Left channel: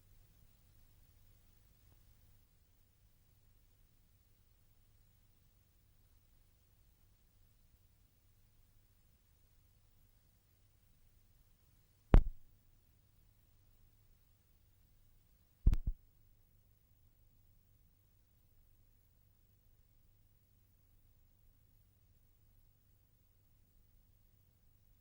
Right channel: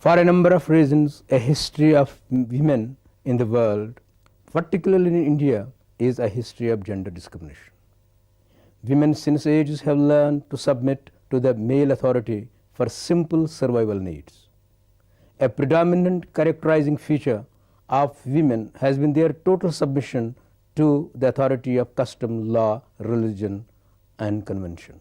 For a number of reasons, a history of women in the world, particularly in India, is a history of gender discrimination. Women since ages have learned to submit to the male authority for simple survival needs. A predominant characterizing feature of women has been their total submission to the authority of custom, law, religion, and convention.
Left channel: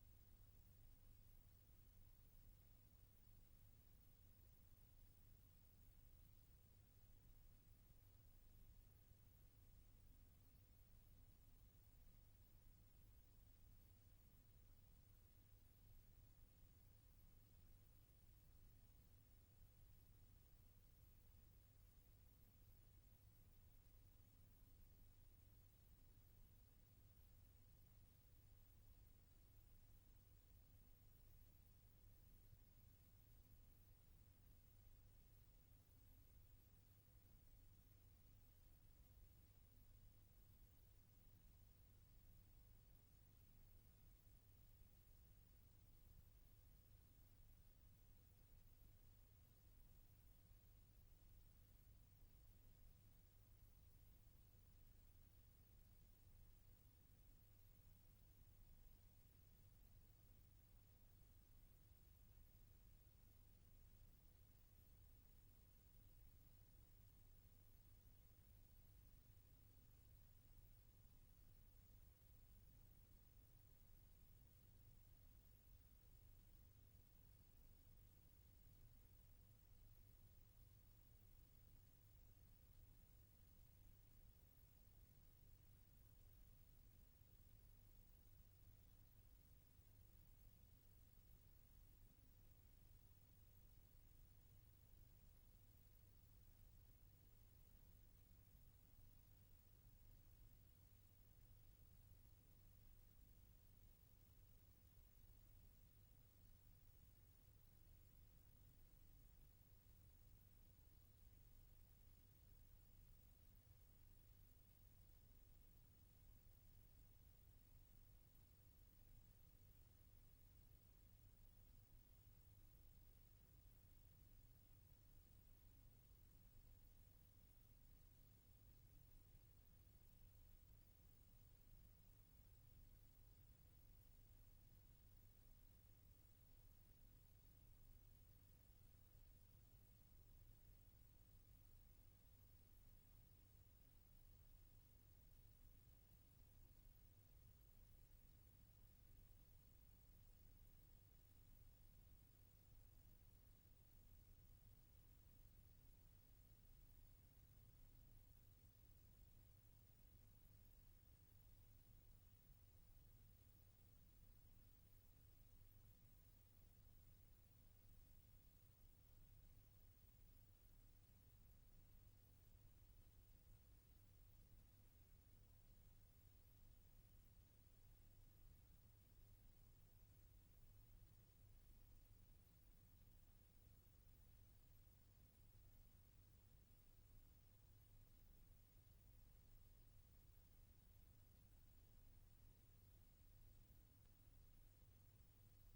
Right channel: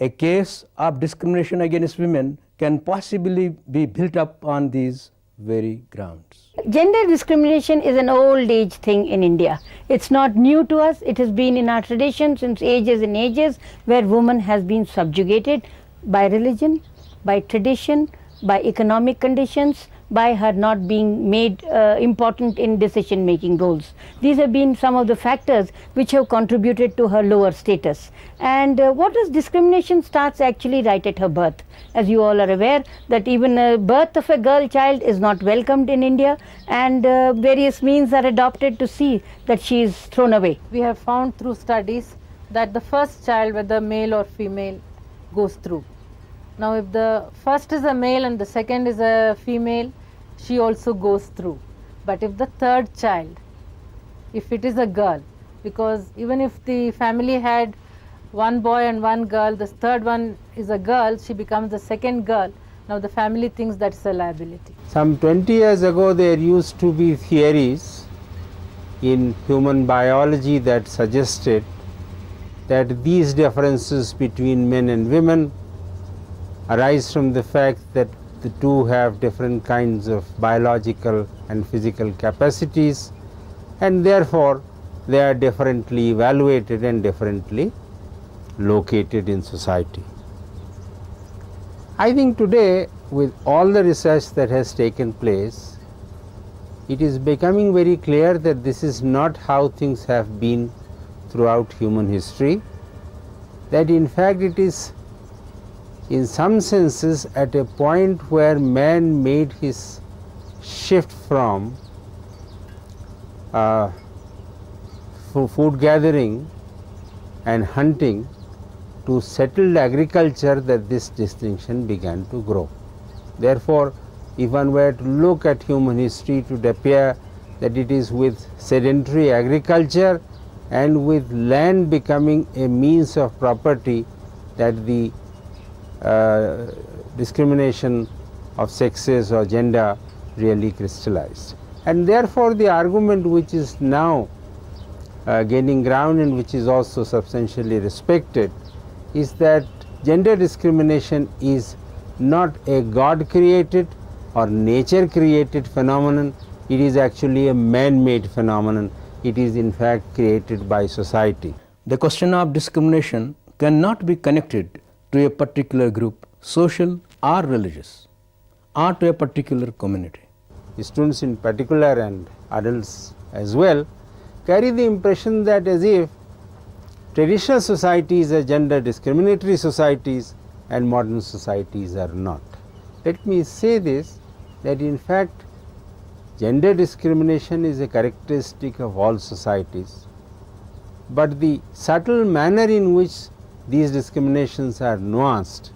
A case of discrimination against women can possibly be built up on these very grounds. Gender discrimination is an old age thing in India. It's not new to us. It has been in our tradition since ages and ages, where woman has been subjugated by religion, by tradition, by economic conditions, by her not being made important in decision-making roles. These have been some of the factors which have contributed to her lower status. And what is discrimination starts actually right at her birth. As you all are aware, that even a birth of a girl child is not welcomed in India, and various means are adopted to see that she is thrown away. We have found through studies that the first child, whether male or female, goes through. Now if the first is a male and the second is a female, she also goes through. But if the third child, if it is a girl, because even if the family had one boy and one girl, the third one is a girl, she becomes the second girl. Now the family thinks that's a liability. Some 20 years ago there used to be theories in human biology that suggested that these differences between men and women arise from the fact that the two have different kinds of biological and physical capacities, and therefore they are differently evaluated and differently located in society. I think today, with all the research that has taken place, it is becoming very clear that this is not how things have been throughout human history, that in fact it is in some senses at a point where man made his shift from food gathering and hunting to settled agriculture that this distinction began to grow. Therefore, if one were to look at human history, it would appear that it is with sedentary agriculture and with land becoming a means of property that the discrimination of sexes or gender really crystallized. And therefore, the argument which is now gaining ground and which is also substantially respected is that gender discrimination is not a God created or nature created phenomenon, it is actually a man-made phenomenon. It is in fact created by society. The question of discrimination cannot be connected to a particular group, social or religious, or to a particular community. Students in particular and adults as well carry the impression that as if traditional societies are gender discriminatory societies and modern societies are not. Let me say this, that in fact gender discrimination is a characteristic of all societies, but the subtle manner in which these discriminations are nuanced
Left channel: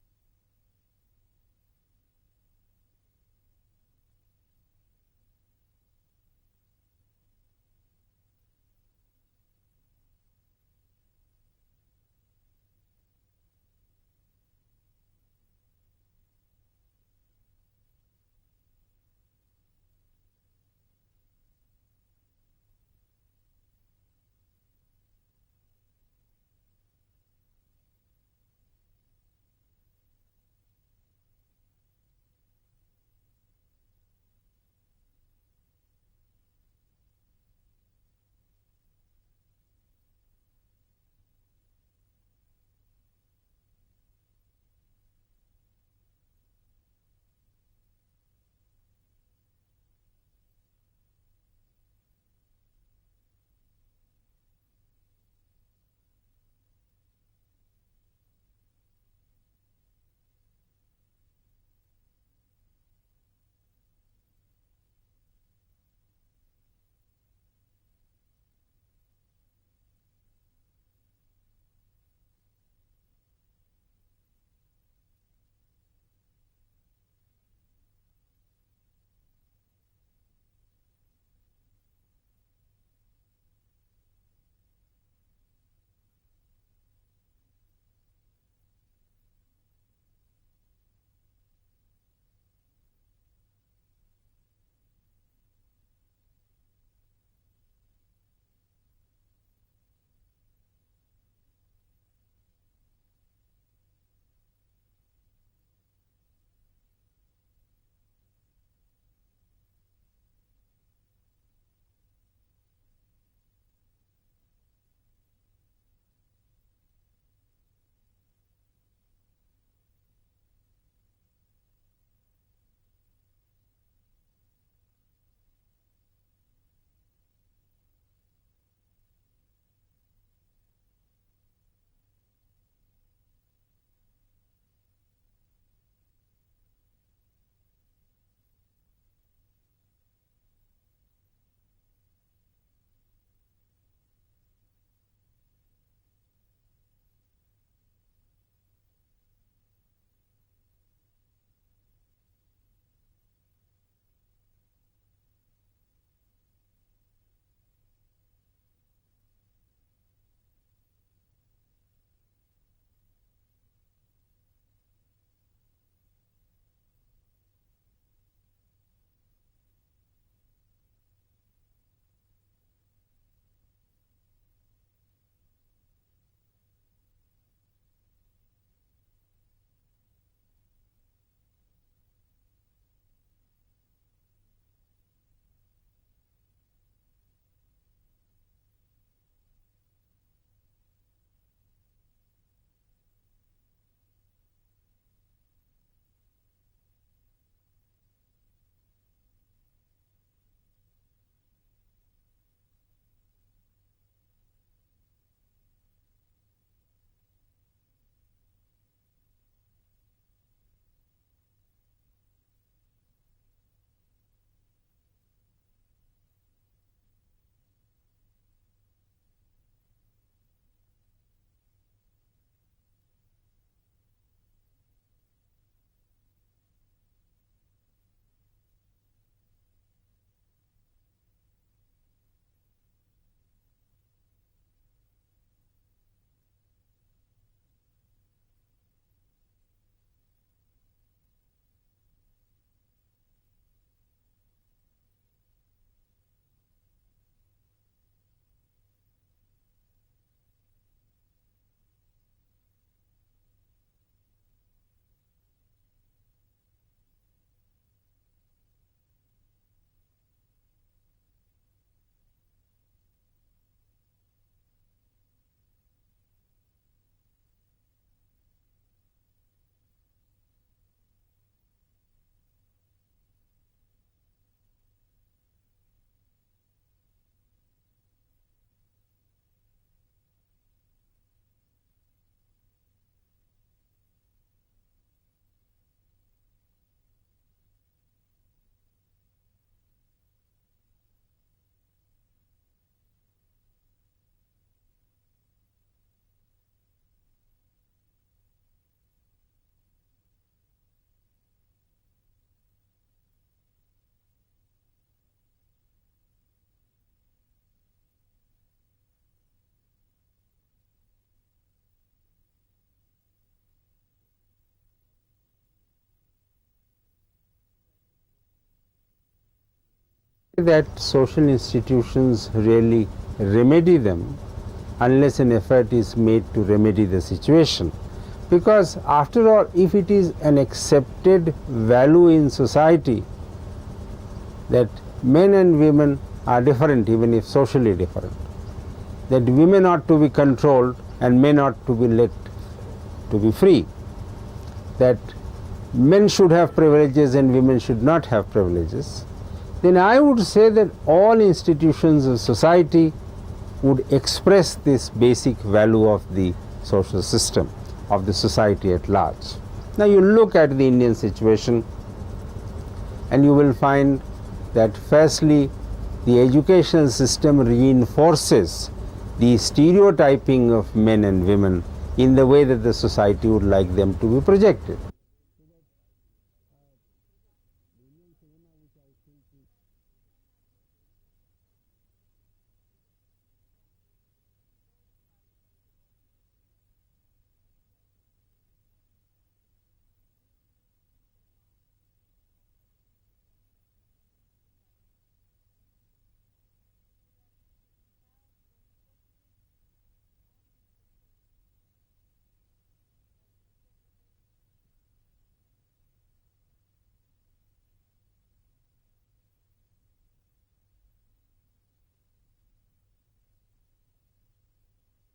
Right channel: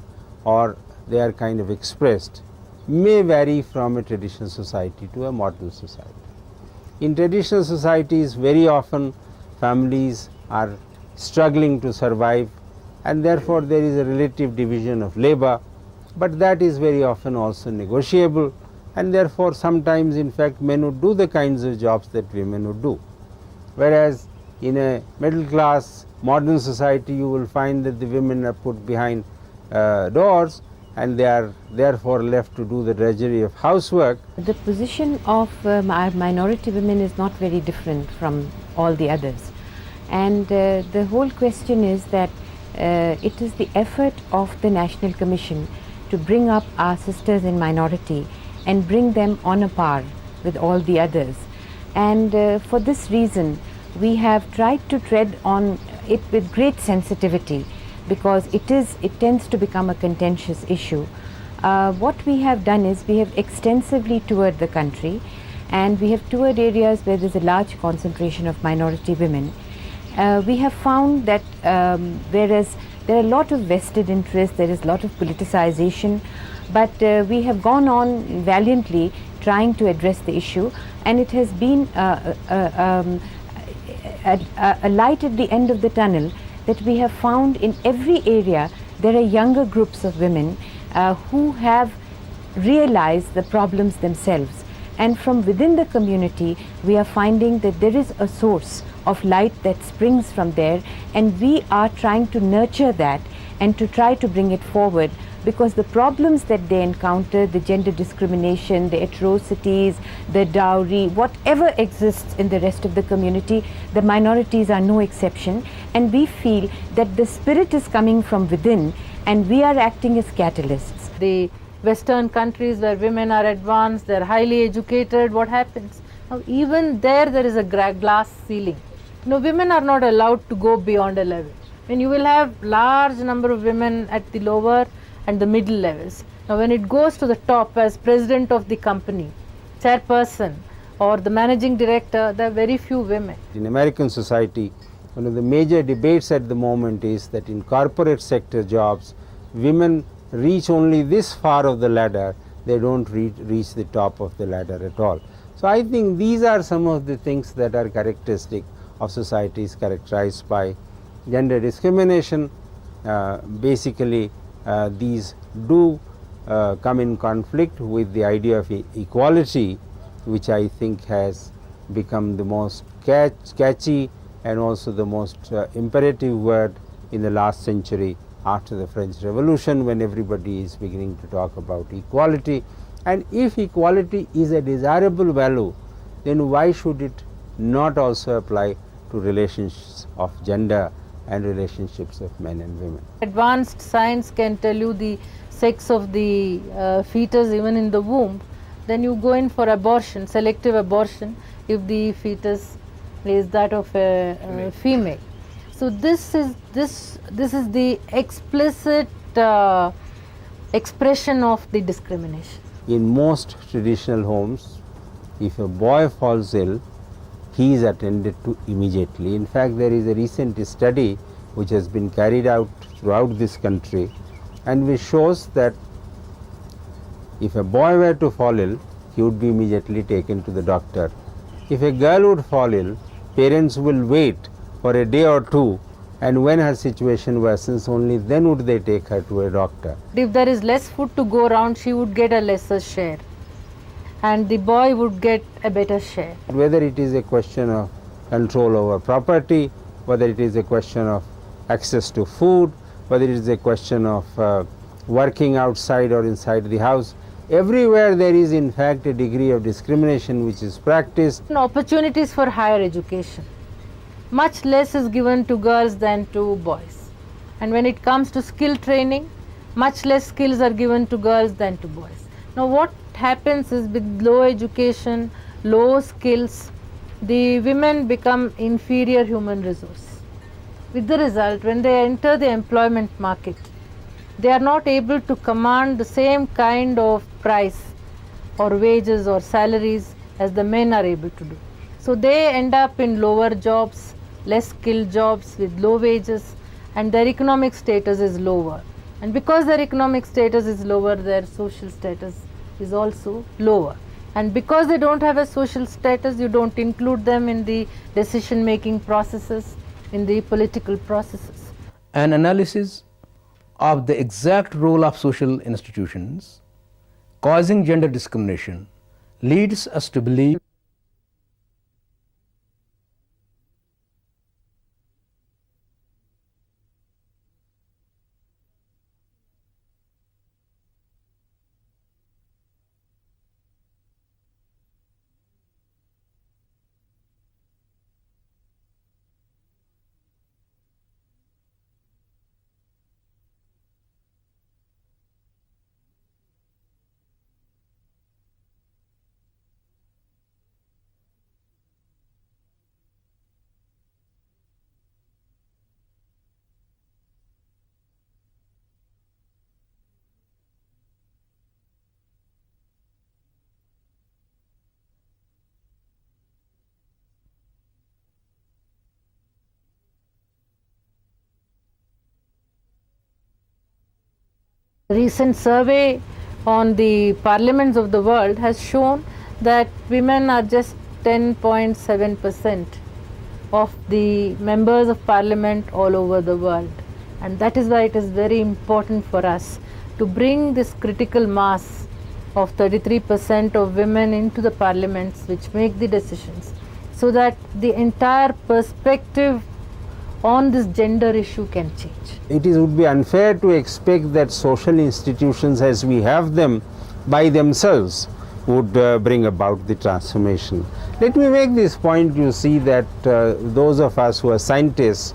or they are kind of expressed may vary from a traditional society to a modern society. In traditional societies, very often families are struggling to survive, and therefore there is a relative division of labor, but that is very often also negotiable, and therefore sometimes in fact men would do the kinds of jobs that women would do. Whereas in a middle class modern society, you will find that the women are put behind doors and they are therefore left to do the drudgery of housework. The position of our minority women is not very different from all the others, and the whole question is that it is the effort of the National Commission to bring up our sisters in minority and bring them on a par with all the others, and for this reason we have tried to tread on it with great sensitivity, because it tends to become a contentious issue. What we have done is we have extensively toured the country, and we have toured areas where there is a large concentration of minority women. We have found that whereas there are a lot of vested interests, there is a lot of politicization, but we have gone on valiantly trying to address the issue, and it has been a light at the end of the tunnel that we have found in every area. There are younger groups of women who have realized the problems themselves, and from within the community we are finding that there is a source of light that springs from there, and we are trying to nurture that and to try to bring it forward, because the problems that they encounter, the gender discrimination, the atrocities, the dowry, whatever exists in the rest of the community, the minorities are no exception, and we feel that the spirit is coming from within and we are acting as catalysts. The Western countries where women are advanced, they are highly educated, what happens? Now even there is a glass ceiling. Women are not allowed to go beyond a level. When you will have large number of women at the lower and the middle levels. Now when it goes to the top as president of the company, chairperson or the managing director, there are very few women. In American society, one of the major debates at the moment is that in corporate sector jobs, women reach only this far of the ladder, they don't reach the top of the ladder at all. So I think these are some of the things that are characteristic of societies characterized by gender discrimination. Basically, these do come in conflict with the idea of equality, which I think has become the most catchy and also the most imperative word in the last century after the French Revolution, when everybody is beginning to talk about equality. And if equality is a desirable value, then why should it not also apply to relations of gender and relationships of men and women? Advanced science can tell you the sex of the fetus even in the womb. Then you go in for abortion, selective abortion, if the fetus is that of a female. So this is the explicit expression of the discrimination. In most traditional homes, if a boy falls ill, he is attended to immediately. In fact, there is a recent study which has been carried out throughout this country, and which shows that if a boy were to fall ill, he would be immediately taken to the doctor. If a girl would fall ill, parents will wait for a day or two, and when her situation worsens, only then would they take her to a doctor. If there is less food to go around, she would get a lesser share, and the boy would get a better share. Whether it is a question of control over property, whether it is a question of access to food, whether it is a question of working outside or inside the house, everywhere there is in fact a degree of discrimination which is practiced. Opportunities for higher education. Much less is given to girls than to boys. And when it comes to skill training, much less skills are given to girls than to boys. Now what happens is, with low education, low skills, the women become inferior human resource. With the result, when they enter the employment market, they are not able to command the same kind of price or wages or salaries as the men are able to do. So they end up in lower jobs, less skilled jobs with low wages, and their economic status is lower. And because their economic status is lower, their social status is also lower. And because they don't have a social status, you don't include them in the decision making processes, in the political processes. An analysis of the exact role of social institutions causing gender discrimination leads us to believe that social institutions really remedy them unless an effort is made to remedy the situation. Because after all, if it is an accepted value in society that men and women are different, even if socially different, that women ought to be controlled and men ought to be let to be free, that men should have privileges and women should not have privileges, then I would say that all institutions of society would express this basic value of the social system, of the society at large. Now you look at the Indian situation and you will find that firstly the educational system reinforces the stereotyping of men and women in the way that the society would like them to be projected. Recent survey on the parliaments of the world has shown that women are just 10.7% of the members of parliament all over the world. And that is why it is very important for us to bring this critical mass of 33% of women into the parliaments which make the decisions, so that the entire perspective on this gender issue can change. It would be unfair to expect that social institutions as we have them by themselves would bring about the transformation. Let me make this point. You see that those of us who are scientists,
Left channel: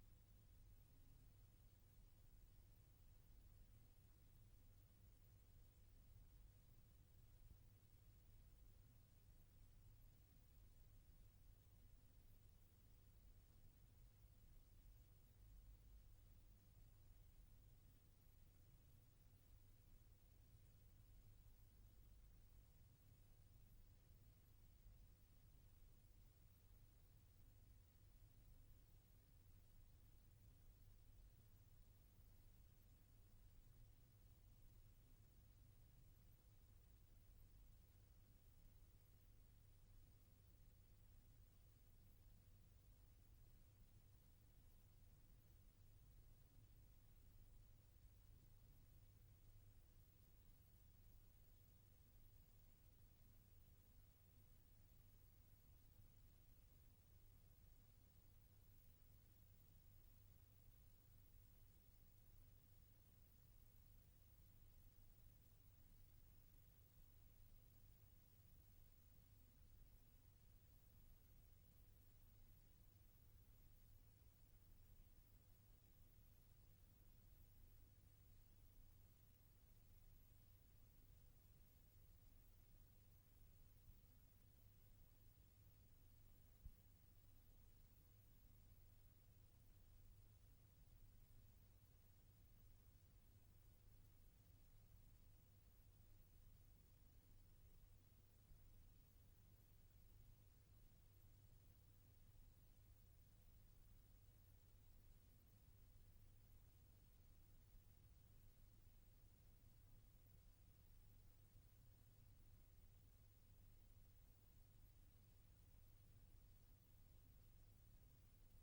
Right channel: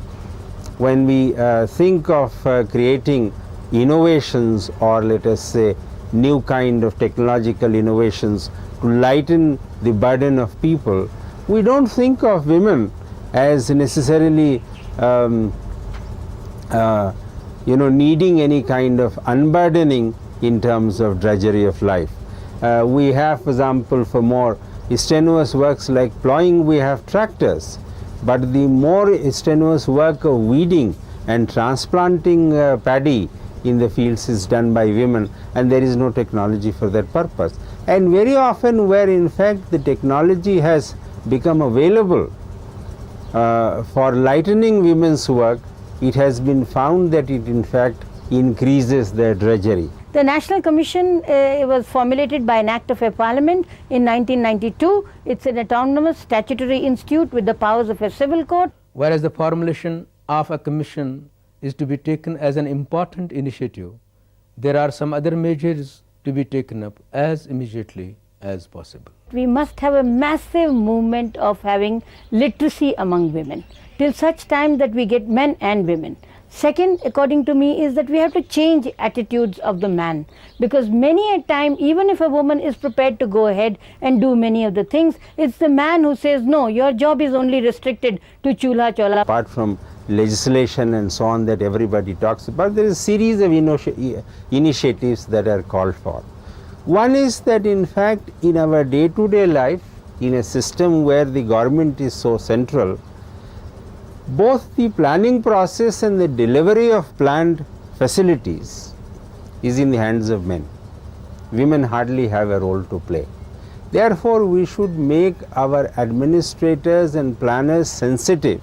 when we think of creating innovations, or let us say new kind of technological innovations to lighten the burden of people, we don't think of women as necessarily needing any kind of unburdening in terms of drudgery of life. We have, for example, for more strenuous works like plowing, we have tractors, but the more strenuous work of weeding and transplanting paddy in the fields is done by women, and there is no technology for that purpose. And very often where in fact the technology has become available for lightening women's work, it has been found that it in fact increases their drudgery. The National Commission was formulated by an Act of a Parliament in 1992. It's an autonomous statutory institute with the powers of a civil court. Whereas the formulation of a commission is to be taken as an important initiative, there are some other measures to be taken up as immediately as possible. We must have a massive movement of having literacy among women till such time that we get men and women. Second, according to me, is that we have to change attitudes of the man, because many a time, even if a woman is prepared to go ahead and do many of the things, it's the man who says, no, your job is only restricted to chulha chola. Apart from legislation and so on that everybody talks about, there is a series of initiatives that are called for. One is that in fact in our day-to-day life, in a system where the government is so central, both the planning process and the delivery of planned facilities is in the hands of men. Women hardly have a role to play. Therefore, we should make our administrators and planners sensitive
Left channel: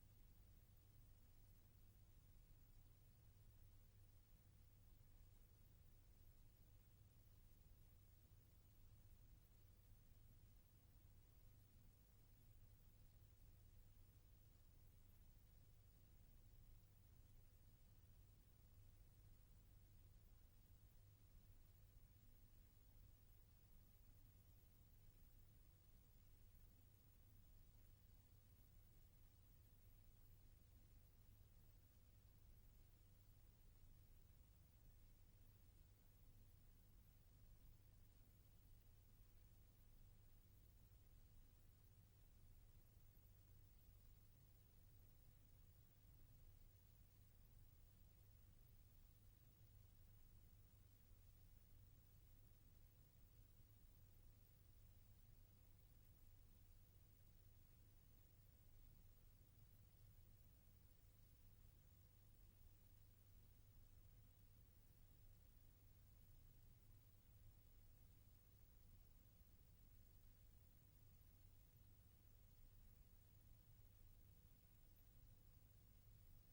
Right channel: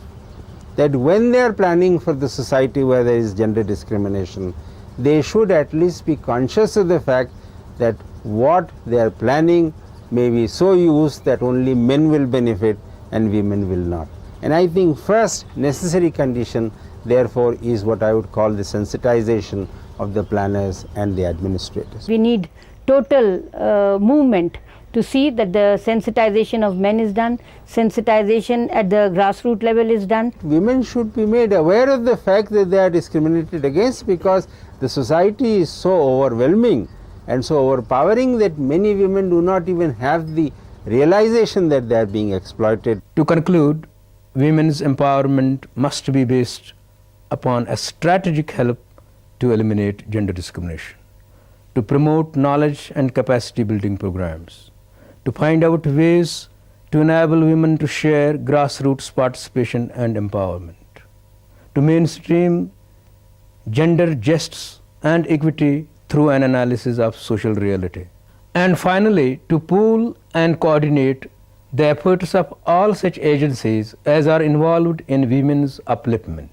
that when they are planning for the society where there is gender discrimination, they should at least be conscious of the fact that what they are planning may be so used that only men will benefit and women will not. And I think first necessary condition therefore is what I would call the sensitization of the planners and the administrators. We need total movement to see that the sensitization of men is done, sensitization at the grassroots level is done. Women should be made aware of the fact that they are discriminated against, because the society is so overwhelming and so overpowering that many women do not even have the realization that they are being exploited. To conclude, women's empowerment must be based upon a strategic help to eliminate gender discrimination, to promote knowledge and capacity building programs, to find out ways to enable women to share grassroots participation and empowerment, to mainstream gender justice and equity through an analysis of social reality, and finally to pool and coordinate the efforts of all such agencies as are involved in women's upliftment.